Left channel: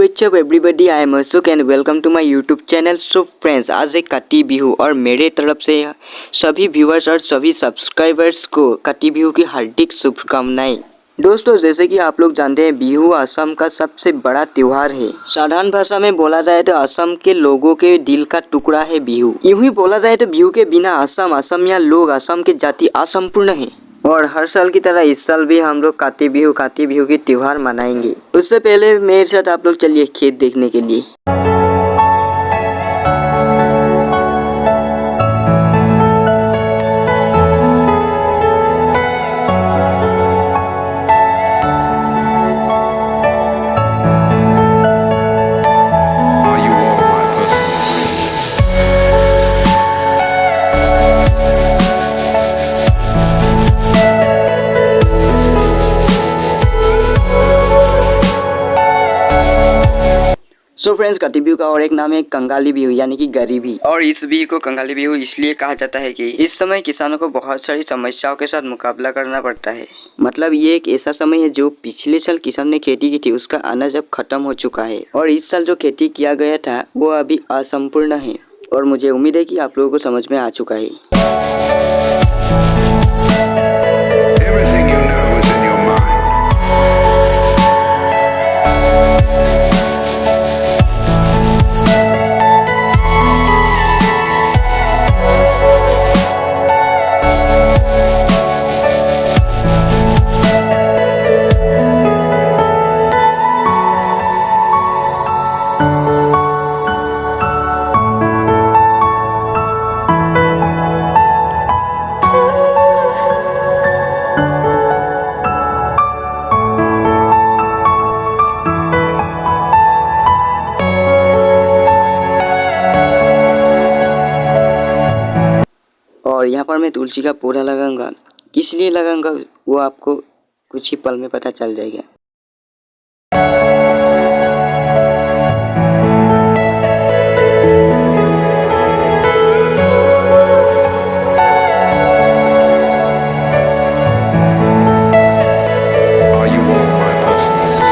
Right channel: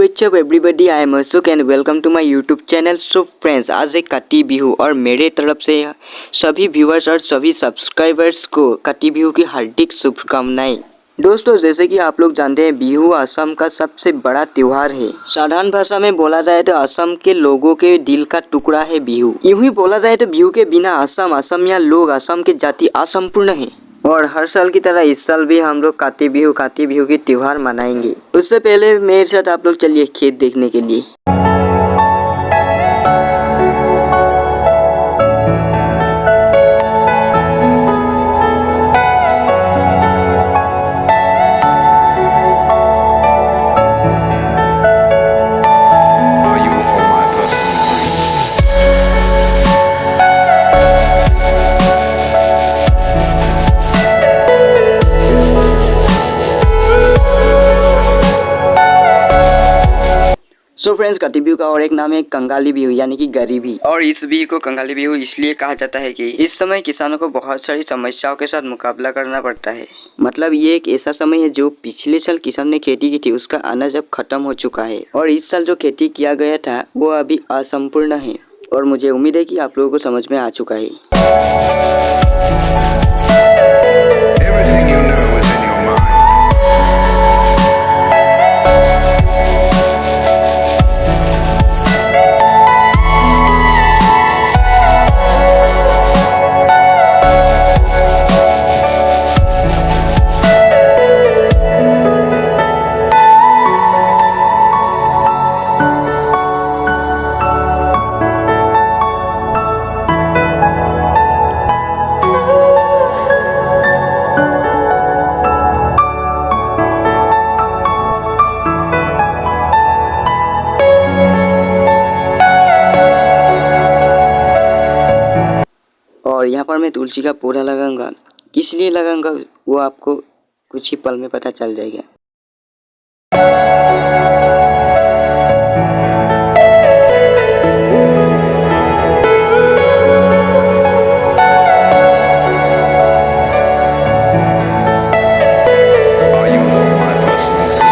What's up everybody, I am Ashok and welcome to my YouTube channel. So friends, आज एक काटी बिहू और मेरे तरफ से सभी व्यूअर्स और सभी सब्सक्राइबर्स को काटी बिहू की हार्दिक शुभकामनाएं। दोस्तों, जैसे कि आप लोग जानते हैं, बिहू असम का सबसे बड़ा त्योहार है। साधारण भाषा में बोला जाए तो असम के लोगों के दिल का टुकड़ा है बिहू। यूं ही बोला जाए तो बिहू के बिना असमिया लोग, असम की जाति असंपूर्ण है। और हर साल की तरह इस साल भी हम लोग काटी बिहू की त्योहार मनाएंगे। उससे पहले मेरे साथ आप लोग चलिए खेत देखने के लिए। Are you all my personal dreams? So friends, काटी बिहू का और एक नाम है कंगाली बिहू यानी कि गरीबी। और इस बिहू को कंगाली बिहू इसलिए कहा जाता है कि इस समय किसानों को बहुत सारी समस्याओं के साथ मुकाबला करना पड़ता है। मतलब ये एक ऐसा समय है जो पिछले साल किसान ने खेती की थी, उसका अनाज अब खत्म हो चुका है। और इस साल जो खेती किया गया था वो अभी असंपूर्ण है। और मुझे उम्मीद है कि आप लोगों को समझ में आ चुका है। Everything you know is in your mind. और यहाँ पर मैं तुलसी का पौधा लगाऊंगा। किस लिए लगाऊंगा वो आपको कुछ ही पल में पता चल जाएगा। Are you all my personal dreams?